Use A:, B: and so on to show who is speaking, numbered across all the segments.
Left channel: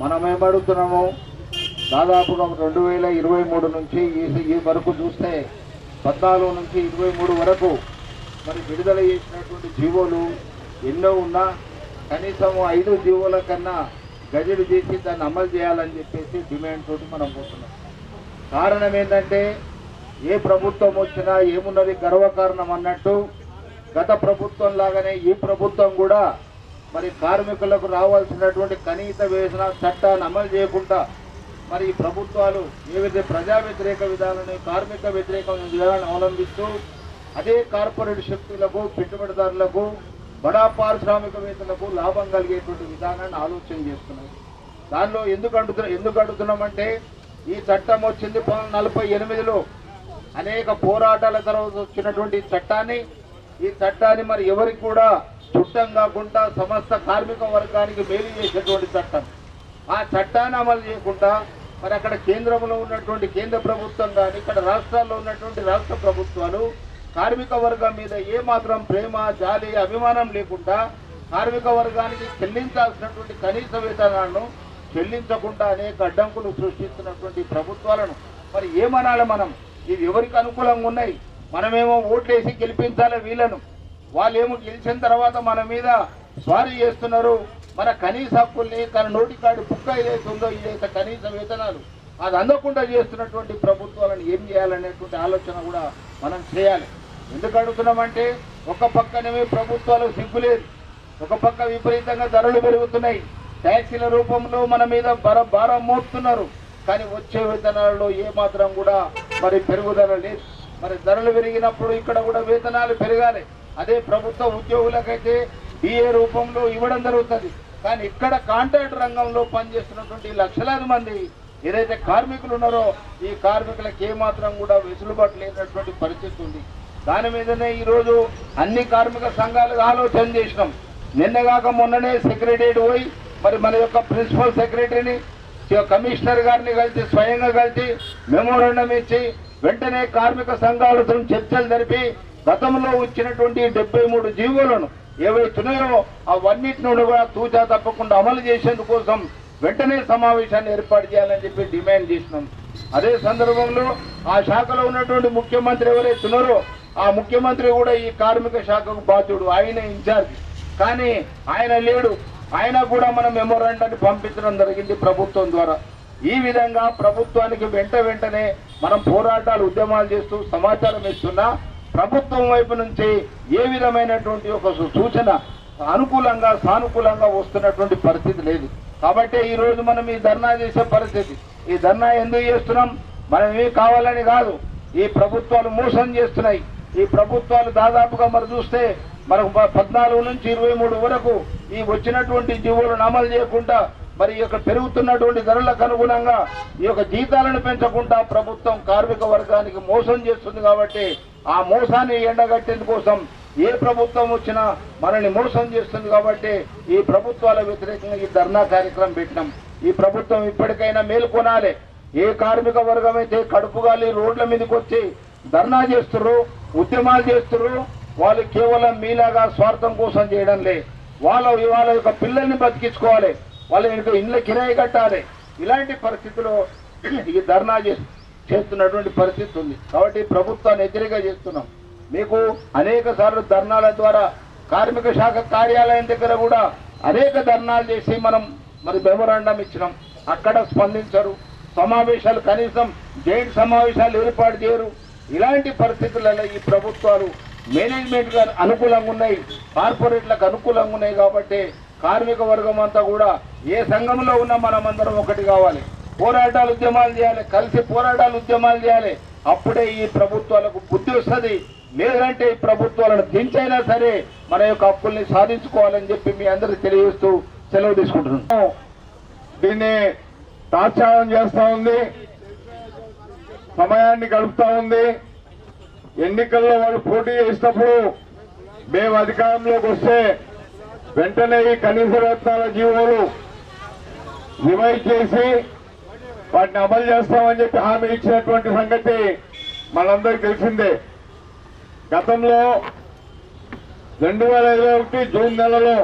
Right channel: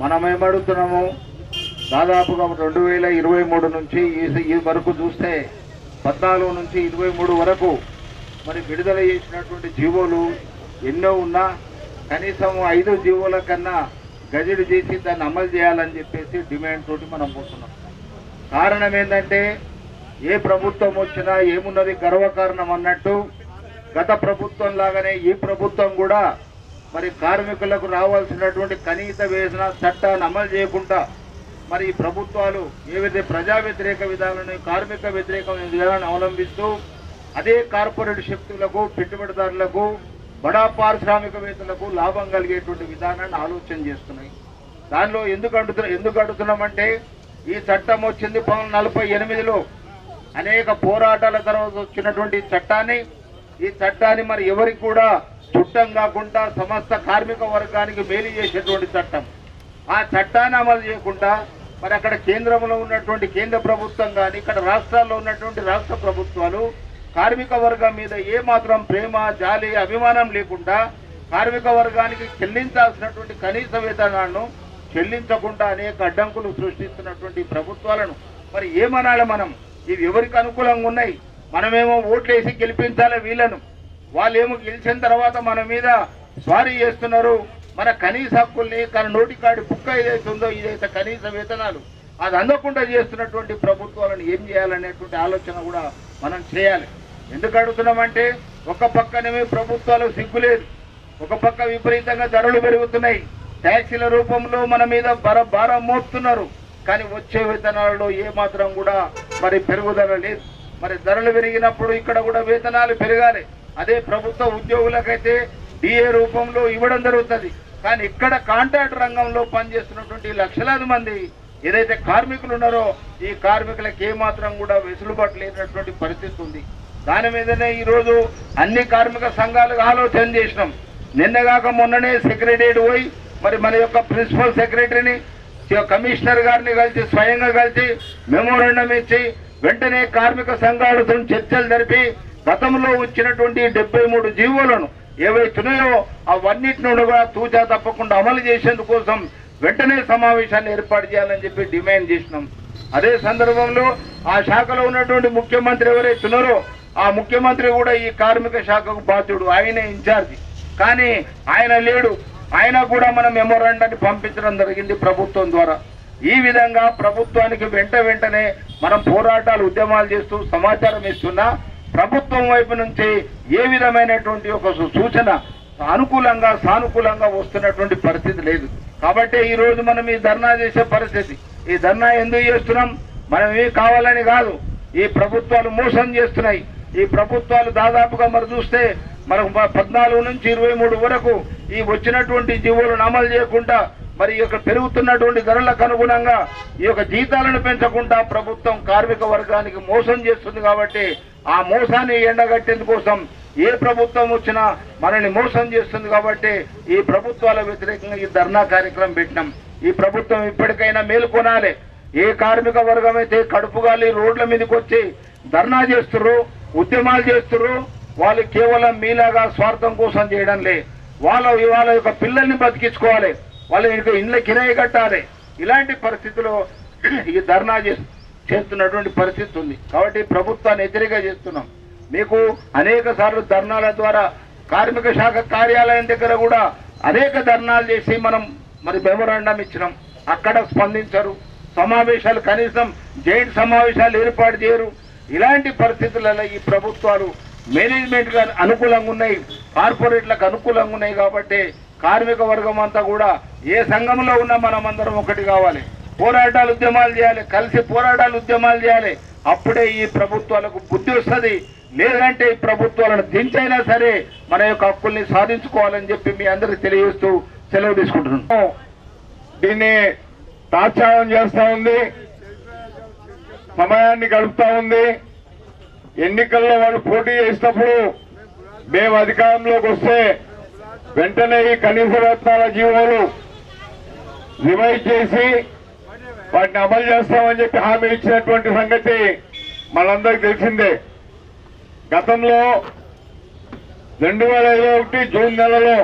A: మనం ఏమడుగుతున్నాము దాదాపుగా రెండు వేల ఇరవై మూడు నుంచి ఈ వరకు చూస్తే పద్నాలుగు నుంచి ఇరవై మూడు వరకు మరి విడుదల చేసినటువంటి జీవోలు ఎన్నో ఉన్నా కనీసం ఐదు జీవోల కన్నా గజిడి చేసి దాన్ని అమలు చేయాలని చెప్పేసి డిమాండ్ తోటి మనం పోతున్నాం. కారణం ఏంటంటే ఏ ప్రభుత్వం వచ్చినా ఏమున్నది గర్వకారణం అన్నట్టు గత ప్రభుత్వం లాగానే ఈ ప్రభుత్వం కూడా మరి కార్మికులకు రావాల్సినటువంటి కనీస వేతన చట్టాన్ని అమలు చేయకుండా మరి ఈ ప్రభుత్వాలు ఏవైతే ప్రజా వ్యతిరేక విధానాలను కార్మిక వ్యతిరేక విధానాన్ని అవలంబిస్తూ అదే కార్పొరేట్ శక్తులకు పెట్టుబడిదారులకు బడా పారిశ్రామికవేత్తలకు లాభం కలిగేటువంటి విధానాన్ని ఆలోచన చేస్తున్నాయి. దానిలో ఎందుకు అడుగుతున్నా ఎందుకు అడుగుతున్నామంటే ఈ చట్టం వచ్చింది పంతొమ్మిది నలభై ఎనిమిదిలో. అనేక పోరాటాల తర్వాత వచ్చినటువంటి చట్టాన్ని. ఈ చట్టాన్ని మరి ఎవరికి కూడా చుట్టం కాకుండా సమస్త కార్మిక వర్గానికి మేలు చేసేటువంటి చట్టం. ఆ చట్టాన్ని అమలు చేయకుండా మరి అక్కడ కేంద్రంలో ఉన్నటువంటి కేంద్ర ప్రభుత్వం కానీ ఇక్కడ రాష్ట్రాల్లో ఉన్నటువంటి రాష్ట్ర ప్రభుత్వాలు కార్మిక వర్గం మీద ఏమాత్రం ప్రేమ జాలి అభిమానం లేకుండా కార్మిక వర్గానికి చెల్లించాల్సినటువంటి కనీస వేతనాలను చెల్లించకుండా అనేక అడ్డంకులు సృష్టిస్తున్నటువంటి ప్రభుత్వాలను. మరి ఏమనాలి మనం? ఇవి ఎవరికి అనుకూలంగా ఉన్నాయి? మనమేమో ఓట్లేసి గెలిపించాలి వీళ్ళను? వాళ్ళేమో గెలిచిన తర్వాత మన మీద స్వారీ చేస్తున్నారు. మన కనీస హక్కుల్ని కానీ నోటికాడి కుక్క ఏదైతే ఉందో ఇదైతే కనీస వేతనాలు అది అందకుండా చేస్తున్నటువంటి ప్రభుత్వాలను ఏం చేయాలనేటువంటి ఆలోచన కూడా మనం చేయాలి. ఎందుకు అడుగుతున్నామంటే ఒక పక్కనేమే ప్రభుత్వాలు సిగ్గులేదు ఒక పక్క విపరీతంగా ధరలు పెరుగుతున్నాయి. ట్యాక్సీల రూపంలో మన మీద బర భారం మోపుతున్నారు. కానీ వచ్చే వేతనాలలో ఏమాత్రం కూడా మరి పెరుగుదల లేదు. మరి ధరలు పెరిగినప్పుడు ఇక్కడ కూడా వేతనాలు పెరగాలి. అదే ప్రభుత్వ ఉద్యోగులకైతే డిఏ రూపంలో ఇవ్వడం జరుగుతుంది. కానీ ఇక్కడ కాంట్రాక్ట్ రంగంలో పనిచేస్తున్నటువంటి లక్షలాది మంది ఏదైతే కార్మికులు ఉన్నారో ఈ కార్మికులకు ఏ మాత్రం కూడా వెసులుబాటు లేనటువంటి పరిస్థితి ఉంది. దాని మీదనే ఈరోజు అన్ని కార్మిక సంఘాలకు ఆలోచన చేసినాం. నిన్నగాక మొన్ననే సెక్రటరియట్ పోయి మరి మన యొక్క ప్రిన్సిపల్ సెక్రటరీని కమిషనర్ గారిని కలిసి స్వయంగా కలిసి మెమోరండం ఇచ్చి వెంటనే కార్మిక సంఘాలతో చర్చలు జరిపి గతంలో వచ్చినటువంటి డెబ్బై మూడు జీవోలను ఏవైతున్నాయో అవన్నిటిని కూడా తూచా తప్పకుండా అమలు చేసేందుకోసం వెంటనే సమావేశాన్ని ఏర్పాటు చేయాలని చెప్పి డిమాండ్ చేసినాం అదే సందర్భంలో ఆ శాఖలో ఉన్నటువంటి ముఖ్యమంత్రి ఎవరైతున్నారో ఆ ముఖ్యమంత్రి కూడా ఈ కార్మిక శాఖకు బాధ్యుడు. ఆయన ఇన్ఛార్జి. కానీ ఆయన లేడు. ఆయన కూడా మనం మెమోరాండాన్ని పంపించడం జరిగింది ప్రభుత్వం ద్వారా. ఈ విధంగా ప్రభుత్వానికి వెంట వెంటనే మనం పోరాటాలు ఉద్యమాలు చేస్తూ సమాచారం ఇస్తున్నా ప్రభుత్వం వైపు నుంచి ఏ విధమైనటువంటి ఒక సు- సూచన అనుకూలంగా సానుకూలంగా వస్తున్నటువంటి పరిస్థితి లేదు. కాబట్టి ఈ రోజు మనం ఈ ధర్నా చేసే పరిస్థితి. ఈ ధర్నా ఎందుకు చేస్తున్నాం? మనం ఏమి కావాలని కాదు. ఈ ప్రభుత్వాలు మోసం చేస్తున్నాయి. ఈ ప్రభుత్వాలు దాదాపుగా మరి చూస్తే మనకు పద్నాలుగు నుంచి ఇరవై మూడు వరకు ఈ వచ్చినటువంటి జీవోలను అమలు చేయకుండా మరి ఈ యొక్క పెరుగుతున్నటువంటి ధరలకు అనుగుణంగా ఈ యొక్క జీతాలను పెంచకుండా ప్రభుత్వం కార్మిక వర్గానికి మోసం చేస్తుంది కాబట్టి ఆ మోసాన్ని ఎండగట్టేందుకోసం ఏ ప్రభుత్వం వచ్చినా మనల్ని మోసం చేస్తుంది కాబట్టి ఈ ప్రభుత్వాల వ్యతిరేకంగా ఈ ధర్నా కార్యక్రమం పెట్టినాం. ఈ ప్రభుత్వం ఇప్పటికైనా మేలుకొనాలి ఏ కార్మిక వర్గం అయితే కడుపుగాలి రోడ్ల మీదకి వచ్చి ధర్నా చేస్తుర్రు ఉద్యమాలు చేస్తుర్రు వాళ్ళు కేవలం మీలాగా స్వార్థం కోసం చేయడం లే. వాళ్ళ వాళ్ళ యొక్క పిల్లల్ని బతికించుకోవాలి. వాళ్ళు ఇంకా ఇళ్ళ కిరాయి కట్టాలి. ఇలాంటి పరిస్థితిలో ఈ ధర్నా చేస్తున్నటువంటి పరిస్థితి ఉంది. కాబట్టి ప్రభుత్వాన్ని వ్యతిరేక చేస్తున్నాం. మీకు అనేక సార్లు ధర్నాల ద్వారా కార్మిక శాఖ కార్యాలయం దగ్గర కూడా అనేక ధర్నాలు చేసి మనం మరి మెమోరాండం ఇచ్చినాం. అక్కడ స్పందించరు. సమావేశాలు కనీసం జైంట్ సమావేశాలు ఏర్పాటు చేయరు. ఇలాంటి పరిస్థితులలో ఈ ప్రభుత్వాలు మేనేజ్మెంట్గా అనుకూలంగా ఉన్నాయి. కార్పొరేట్లకు అనుకూలంగా ఉన్నాయి కాబట్టి కార్మిక వర్గం అంతా కూడా ఏ సంఘంలో ఉన్నా మనమందరం ఒకటి కావాలి. పోరాటాలు ఉద్యమాలు చేయాలి కలిసి పోరాటాలు ఉద్యమాలు చేయాలి. అప్పుడే ఈ ప్రభుత్వాలకు బుద్ధి వస్తుంది. లేదంటే ఈ ప్రభుత్వాలను దించైనా సరే మన యొక్క హక్కుల్ని సాధించుకోవాలని చెప్పి మీ అందరికి తెలియజేస్తూ సెలవు తీసుకుంటున్నాం
B: దీన్ని తాత్సారం చేస్తా ఉంది. సమయాన్ని గడుపుతా ఉంది. ఎన్నికల్లో వాళ్ళు పోటీ చేసినప్పుడు మేము అధికారంలోకి వస్తే వెంటనే ఈ కనీస వేతనాల జీవోలు రివైవ్ చేసి వాటిని అమలు చేస్తామని చెప్పి హామీ ఇచ్చినటువంటి సంగతి మనందరికి తెలిసిందే. గతంలో రెండు వేల ఇరవై ఒకటి జూన్ నెలలో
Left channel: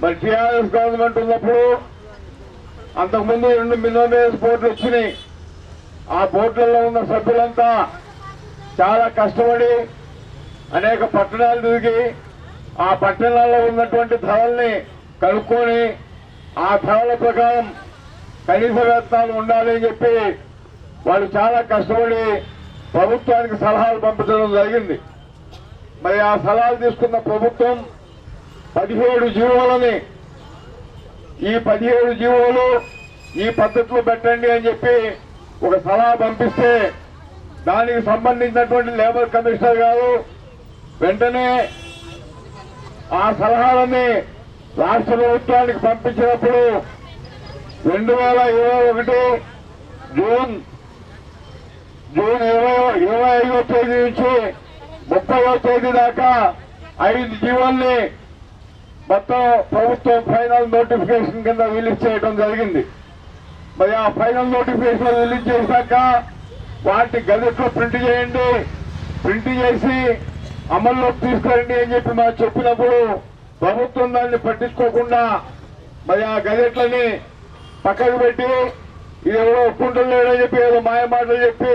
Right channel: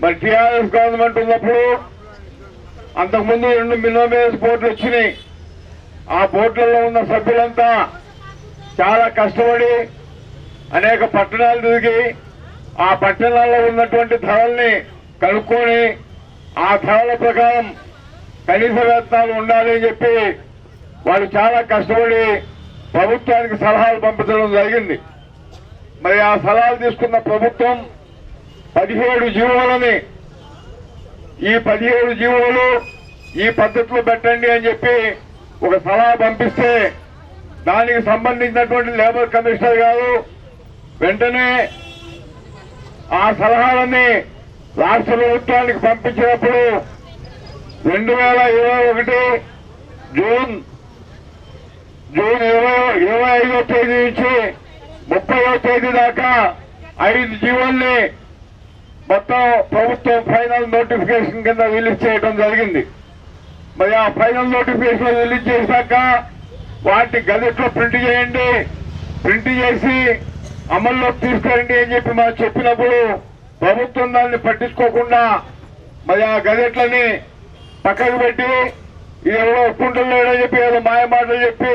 B: మరి టీఆర్ఎస్ గవర్నమెంట్ ఉన్నప్పుడు అంతకుముందు రెండు మిలియన్ బోట్లు వచ్చినాయి. ఆ బోట్లలో ఉన్న సభ్యులంతా చాలా కష్టపడి అనేక పట్టణాలు తిరిగి ఆ పట్టణాల్లో ఉన్నటువంటి ధరల్ని కనుక్కొని ఆ ధరల ప్రకారం కనీస వేతనాలు ఉండాలి అని చెప్పి వాళ్ళు చాలా కష్టపడి ప్రభుత్వానికి సలహాలు పంపించడం జరిగింది. మరి ఆ సలహాలు తీసుకున్న ప్రభుత్వం పదిహేడు జీవోలని ఈ పదిహేడు జీవోలు ఈ పద్ధతిలో పెట్టండి అని చెప్పి ఒక సలహా పంపిస్తే దానికి సంబంధించినటువంటి లేబర్ కమిషనర్ గారు వెంటనే ఆ సలహాలని రాష్ట్ర ప్రభుత్వానికి పంపించినప్పుడు రెండు వేల ఇరవై ఒకటి జూన్ జూన్ ఇరవై ఇరవై ఐదో తేదీ నుంచి ముప్పైవ తేదీ దాకా ఐదు జీవోల్ని మొత్తం ప్రభుత్వం ఫైనల్ నోటిఫికేషన్ కింద రిలీజ్ చేయడం జరిగింది. మరి ఆ ఫైనల్ నోటిఫికేషన్ రిలీజ్ చేశాక వాటి గజెట్లో ప్రింట్ చేయండి. ప్రింట్ చేసి అమల్లోకి తీసుకురండి అని చెప్పి మనం చెప్పినప్పుడు ప్రభుత్వం దాన్ని పట్టించుకోకుండా మరి ఆ గజెట్లని పక్కకు పెట్టి ఇది ఎవరో ఒప్పుకుంటలేడని చెప్పి ఏదో మాయ మాటలు చెప్పి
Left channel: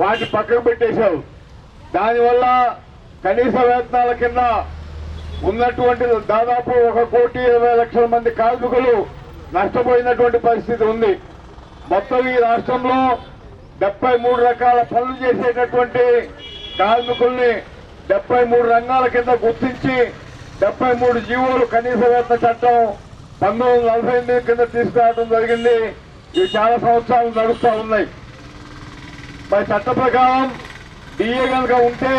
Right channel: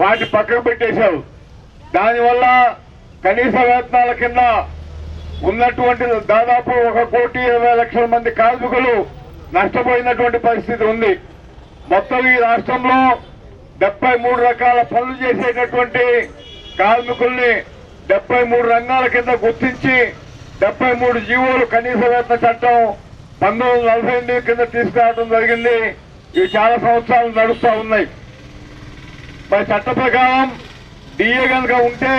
B: వాటి పక్కకు పెట్టేశారు. దానివల్ల కనీస వేతనాల కింద ఉన్నటువంటి దాదాపు ఒక కోటి ఇరవై లక్షల మంది కార్మికులు నష్టపోయినటువంటి పరిస్థితి ఉంది. మొత్తం ఈ రాష్ట్రంలో డెబ్బై మూడు రకాల పనులు చేసేటటువంటి కార్మికుల్ని డెబ్బై మూడు రంగాల కింద గుర్తించి డెబ్బై మూడు జీవోలు కనీస వేతన చట్టం పంతొమ్మిది నలభై ఎనిమిది కింద తీసుకురావడం జరిగింది. ఇవి చాలా సంవత్సరాలు నడుస్తూ ఉన్నాయి. మరి చట్ట ప్రకారం డిఏ కనుక ఉంటే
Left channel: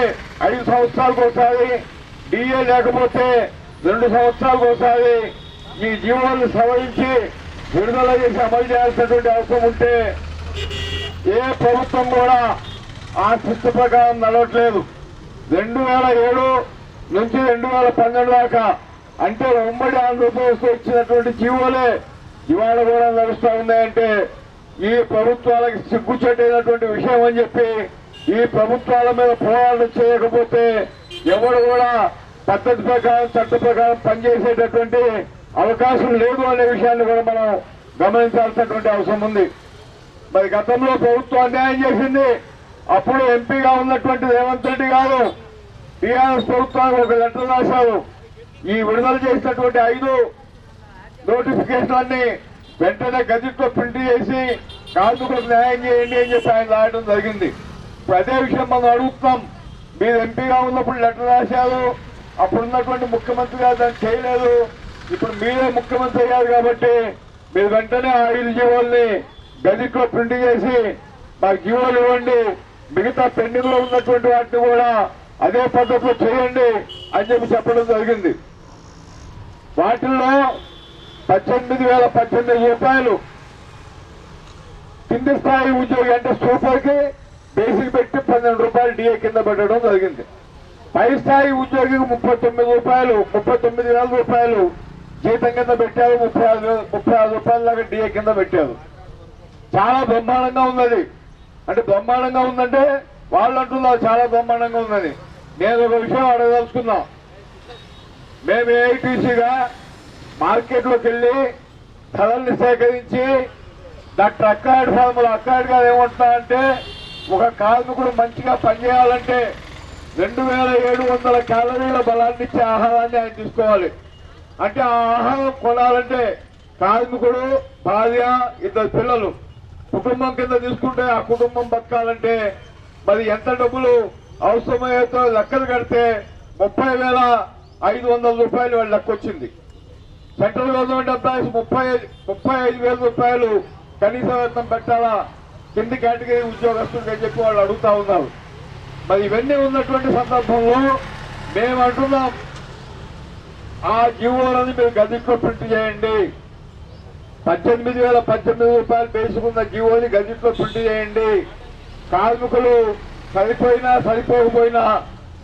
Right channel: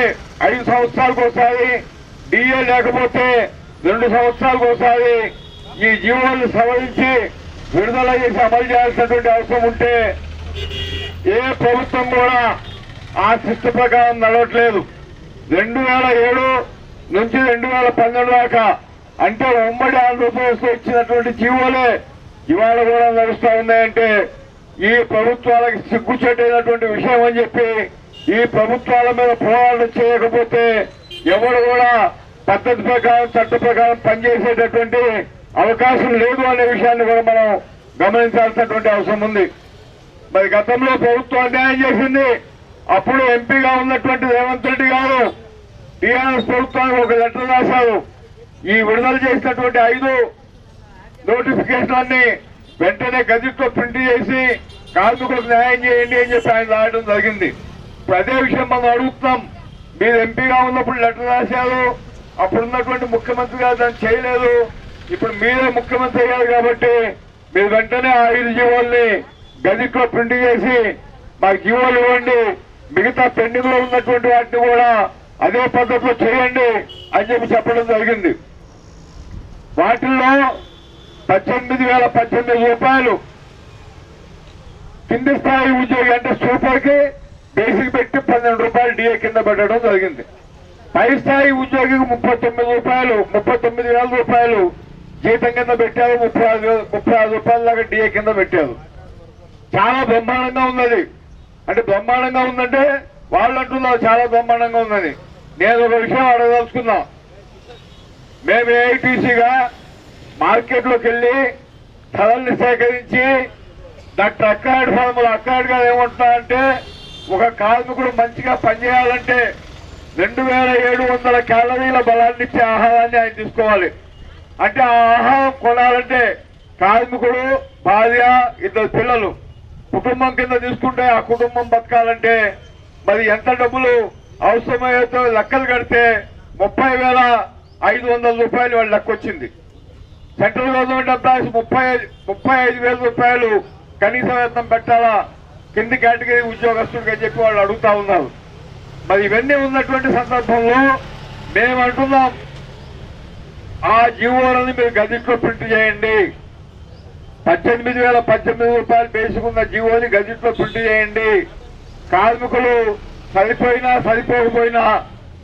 B: ఐదు సంవత్సరాలకు ఒకసారి డిఏ లేకపోతే రెండు సంవత్సరాలకు ఒకసారి ఈ జీవోలను సవరించి విడుదల చేసి అమలు చేయాల్సినటువంటి అవసరం ఉంటే ఏ ప్రభుత్వం కూడా ఆ శిస్తు ప్రకారం నడవట్లేదు. రెండు వేల ఏడు నుంచి రెండు వేల పన్నెండు దాకా. అంటే ఉమ్మడి ఆంధ్రప్రదేశ్ ఇచ్చినటువంటి జీవోలే ఇవాళ కూడా నడుస్తా ఉన్నాయంటే ఈ ప్రభుత్వాలకు సిగ్గుచేటైనటువంటి విషయం అని చెప్పి ఈ ప్రభుత్వాల మీద పోరాటం చేయకపోతే ఎవరు కూడా పద్ధతి ప్రకారం చట్ట ప్రకారం పనిచేసేటటువంటి అవకాశం లేదు అనే విషయాన్ని కూడా మనం గమనించాల్సినటువంటి అవసరం ఉంది. మరి గతంలో ప్రభుత్వం అన్యాయం చేసింది. అప్పుడు ఎంపీగా ఉన్నటువంటి రేవంత్ రెడ్డి గారు టీఆర్ఎస్ ప్రభుత్వానికి ఒక లెటర్ రాశారు. ఈ విడుదల చేసినటువంటి ఐదు నోటిఫికేషన్ని వెంటనే గజెట్లో ప్రింట్ చేసి కార్మికులకు న్యాయం చేయండి అని చెప్పి ఆయన రాయడం జరిగింది. ఇప్పుడు అదే విషయం మనం అడుగుతున్నాం. మీరు ఎంపీగా ఉన్నప్పుడు లెటర్ రాశారు. అప్పుడు ఉన్నటువంటి ముఖ్యమంత్రి గారు దాన్ని చేయలేదు. ఇప్పుడు మీరే ముఖ్యమంత్రి అయ్యారు కాబట్టి మీరు వెంటనే ఆ జీవోల్ని గజెట్లో ప్రింట్ చేసి మాకు జీవోలు ఇవ్వండి. మిగతా పెండింగ్లో ఉన్నటువంటి వాటిని కూడా అదే పద్ధతిలో చేయండి అని చెప్పి చెప్పడం జరిగింది. వాటిల్లో పద్దెనిమిది వేల పద్దెనిమిది రూపాయలు కింది స్థాయి ఉద్యోగి అంటే సూపర్కి బేసిక్ పెట్టి పన్నెండు రూపాయలు డిఏ కింద పెట్టడం జరిగింది. పై స్థాయి ఉద్యోగికి ముప్పై తొమ్మిది రూపాయలు ముప్పై తొమ్మిది వేల రూపాయలు జీతం కింద పెట్టారు ముప్పై ఆరు వేల- ముప్పై ఆరు రూపాయల దాకా డిఏ కింద పెట్టారు. చాలా బ్రహ్మాండంగా ఉన్నది. అంటే బ్రహ్మాండంగా ఉందంటే వాళ్ళు అంటున్నారు చాలా బ్రహ్మాండంగా ఉందని. నేను ఒక విషయం అడగదలుచుకున్నాం. మేము ఏఐటీసీగా మార్కెట్లోకి వెళ్ళి ధరల్ని సేకరించి డాక్టర్ అక్కాయుడు ఫార్ములా అక్కాయుడు గారు ఏమంటున్నా అంటే ఒక కార్మికుడు మంచిగా పనిచేయాలంటే రెండు వేల ఏడు వందల క్యాలరీల బలాన్ని ఇచ్చే ఆహారాన్ని ఆయన తీసుకోవాలి. అంటే ఆ ఆహారం కొనాలంటే కార్మికుడు భార్య ఇద్దరు పిల్లలు. కుటుంబం కింద తీసుకుంటే ఆ కుటుంబం బతకాలంటే మరి ఎంత డబ్బులు అవసరమయ్యేతో లెక్కలు కడితే ముప్పై వేల ఐదు వందల రూపాయలు వాళ్ళ లెక్క వచ్చింది. సెంట్రల్ గవర్నమెంట్ ఎంప్లాయీస్ ముప్పై ముప్పై ఐదు వేల రూపాయలు కనీస వేతనం పెట్టాలా? కింది కేటగిరీ ఉద్యోగస్తుడికి అని చెప్పి వాళ్ళు అడుగుతా ఉన్నారు. మరి ఇవన్నీ ఉన్నటువంటి సందర్భంలో మేము అంటున్నాం. ఆ జీవోలని మీరు గదిట్లో ప్రింట్ చేయండి. పద్దెనిమిది వేల పద్దెనిమిది రూపాయలు వేసుకున్న జీవోని గదిట్లో పుట్టి చేయండి. కార్మికులు సరిపోయినా సరిపోకపోయినా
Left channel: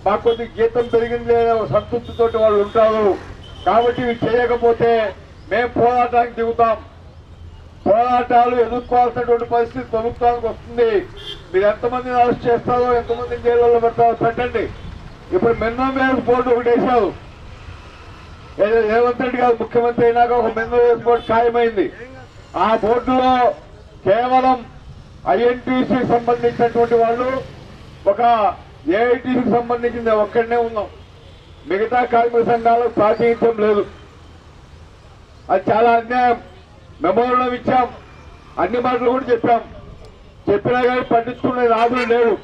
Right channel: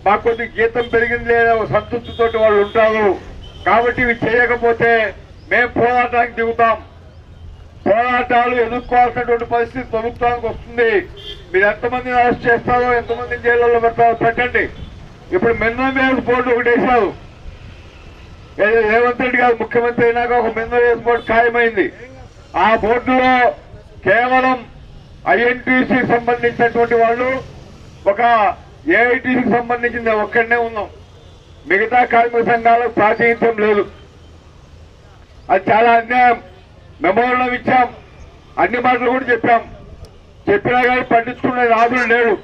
B: మాకు కొద్ది జీతం పెరిగింది లేదా సంతృప్తితోటి వాళ్ళు ఉంటారు. కాబట్టి ఇవి చేయకపోతే మేము పోరాటానికి దిగుతాం. పోరాటాలు ఎదుర్కోవాల్సినటువంటి పరిస్థితి ప్రభుత్వానికి వస్తుంది. మీరు ఎంతమందిని అరెస్ట్ చేస్తారో ఎంతమందిని జైల్లో పెడతారో పెట్టండి. ఇప్పుడు మినిమం వేజ్ బోర్డు ఒకటి వేశారు. ఏదో రేవంత్ రెడ్డి గారు ముఖ్యమంత్రి అయినాక ఒక మినిమం వేజ్ బోర్డు ఖాయమైంది. ఆ బోర్డులో కేవలం ఐఎన్టీసీ సంబంధించినటువంటి వాళ్ళు ఒక ఏఐటీసీకి సంబంధించింది ఒక్కడనే ఉన్నాం. మిగతా కార్మిక సంఘాలకు ప్రాతినిధ్యం లేదు. అది చాలా అన్యాయం. మెమోరండం ఇచ్చాం. అన్ని మాటలు కూడా చెప్పాం. చెప్పినా కానీ పట్టించుకునే రాజులు లేడు.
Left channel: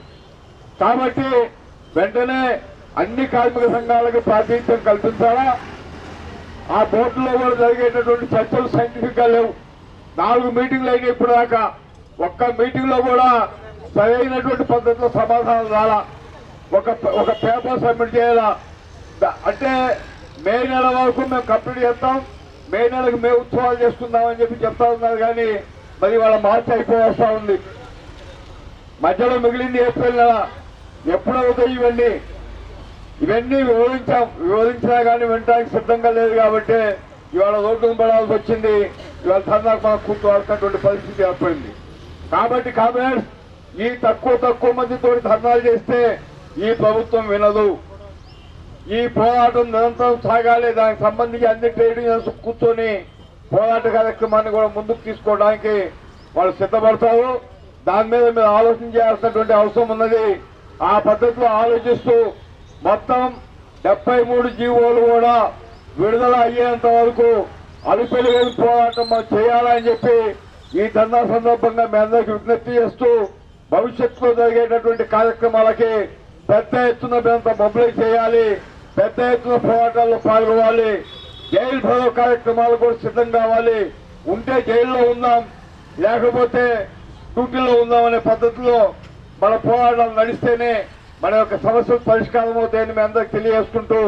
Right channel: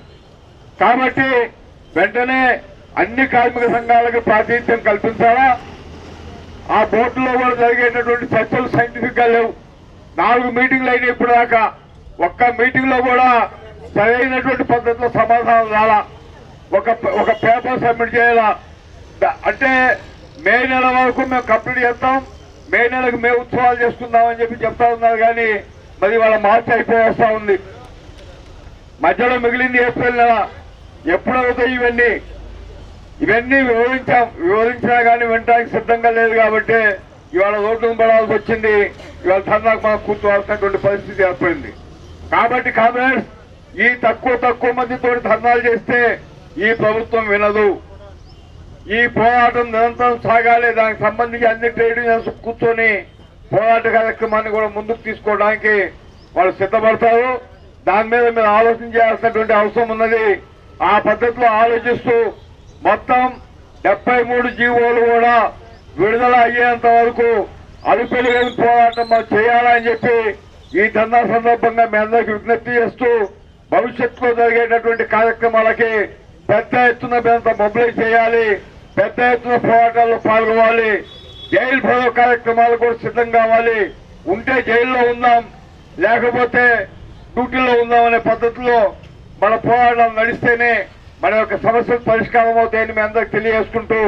B: కాబట్టి వెంటనే అన్ని కార్మిక సంఘాలకు ప్రాతినిధ్యం కల్పించాలా? ఆ బోర్డులో కూడా జరిగేటటువంటి చర్చలు సైంటిఫిక్గా లేవు. నాలుగు మీటింగ్లు అయినాయి ఇప్పుడు దాకా ఒక్క మీటింగ్లో కూడా సరైనటువంటి పద్ధతిలో సమాధానం రాలా. ఒక ఒక పేపర్ సబ్మిట్ చేయాలా. అంటే మే నెల వరకు మేము కంప్లీట్ చేస్తాం. మే నెలకు మే ఉత్సవాలు చేసుకుందామని చెప్పి చెప్తా ఉన్నారు కానీ మరి వాళ్ళ మార్చి అయిపోయి ఉంది. మధ్యలో మిగిలింది ఏప్రిల్ నెల. ఎప్పుడవుతాయి ఇవన్నీ? ఇవన్నీ వివరించాం వివరించినా కానీ వినడానికి సిద్ధంగా లేదు కాబట్టి ఇవాళ రోడ్డు పడాల్సి వచ్చింది. ఇవాళ ధర్నాకు మనం కూర్చోవాల్సినటువంటి పరిస్థితి ఏర్పడింది. కాబట్టి కామ్రేడ్స్ ఈ తక్కువ తక్కువ మందితో ధర్నాలు చేస్తే ఈ ప్రభుత్వం వినదు. ఈ పోరాటం నిరంతరం సాగాలి. దానికి సంబంధించి అన్ని ట్రేడ్ యూనియన్స్ కూర్చొని పోరాట కార్యక్రమాన్ని కూడా ముందుకు తీసుకోవడానికి వాళ్ళు సిద్ధపడతారు. దాని మీద మీరు ఆలోచన చేయాల్సినటువంటి అవసరం ఉన్నది. ఆ పద్ధతిలో ఆలోచిస్తూ మొత్తం డెబ్బై మూడు జీవోలు కూడా విడుదల అయ్యేంత వరకు అలుపెలుగని పోరాటం మనం చేయాలని చెప్పి ఈ ధర్నా సందర్భంగా మీ అందరికీ విజ్ఞప్తి చేస్తూ భవిష్యత్తులో జరిగేటటువంటి కార్యక్రమాలకి పెద్ద ఎత్తున మేమంతా మొబిలైజ్ చేయాలి పెద్ద ఎత్తున పోరాటాల్లో పాల్గొవాలి జైలు భరో కార్యక్రమాలు కూడా సిద్ధం కావాలి. ఉంటే జైల్లో ఉందాం లేకపోతే డ్యూటీలో ఉందాం అనే పద్ధతిలో మన పోరాటం నడిస్తేనే మన యొక్క సమస్యలు పరిష్కారం అవుతాయని మీ అందరికి తెలియజేసుకుంటూ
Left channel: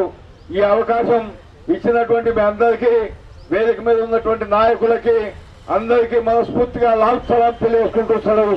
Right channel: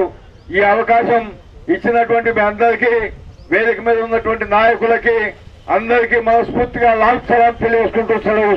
B: ఈ అవకాశం ఇచ్చినటువంటి మీ అందరికీ వేదిక మీద ఉన్నటువంటి నాయకులకి అందరికీ మనస్ఫూర్తిగా లాల్ సలాం తెలియజేసుకుంటూ సెలవు